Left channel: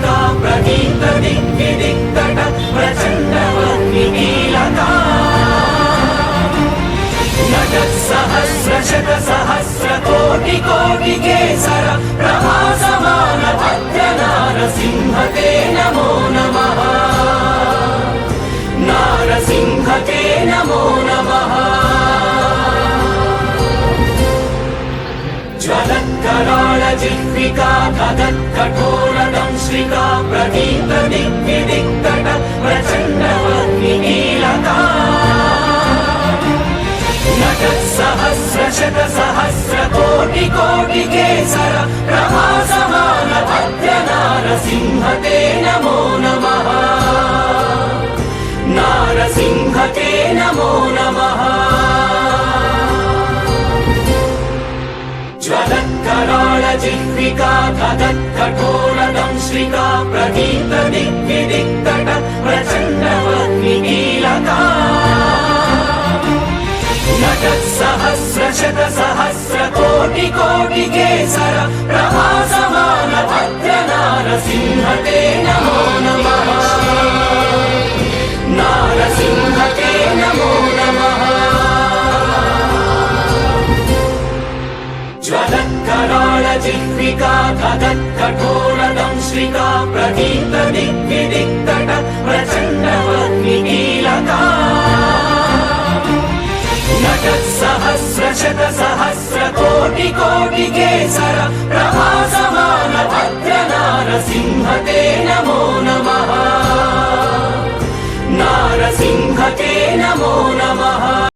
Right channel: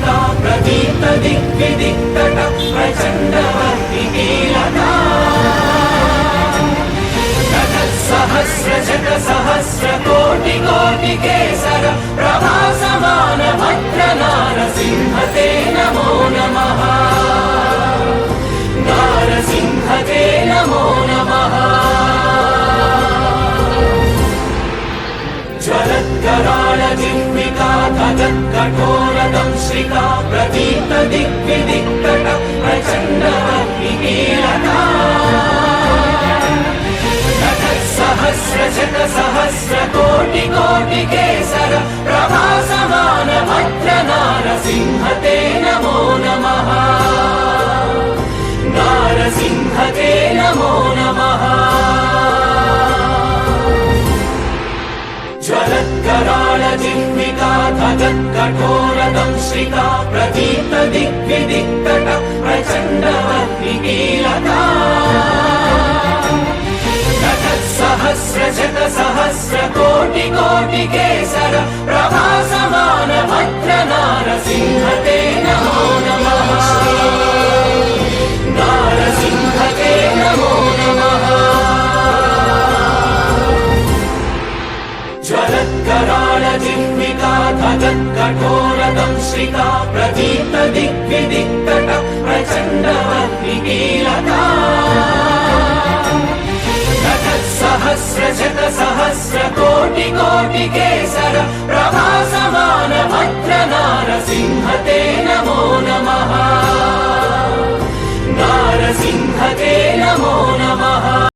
श्रिका प्रदीप्त दिग्विदिक्तट प्रचण्ड वह्निकीलका सहस्र सहस्र कोटि कोटि केसर प्रभासमान भद्र नारसिंह ते नमो नमः नारसिंह ते नमो नमः ज्वलत्कराळ जिह्विका तदत्कठोरदंश्रिका प्रदीप्त दिग्विदिक्तट प्रचण्ड वह्निकीलका सहस्र सहस्र कोटि कोटि केसर प्रभासमान भद्र नारसिंह ते नमो नमः नारसिंह ते नमो नमः ज्वलत्कराळ जिह्विका तदत्कठोरदंश्रिका प्रदीप्त दिग्विदिक्तट प्रचण्ड वह्निकीलका सहस्र सहस्र कोटि कोटि केसर प्रभासमान भद्र नारसिंह ते नमो नमः नारसिंह ते नमो नमः ज्वलत्कराळ जिह्विका तदत्कठोरदंश्रिका प्रदीप्त दिग्विदिक्तट प्रचण्ड वह्निकीलका सहस्र सहस्र कोटि कोटि केसर प्रभासमान भद्र नारसिंह ते नमो नमः नारसिंह ते नमो नमः।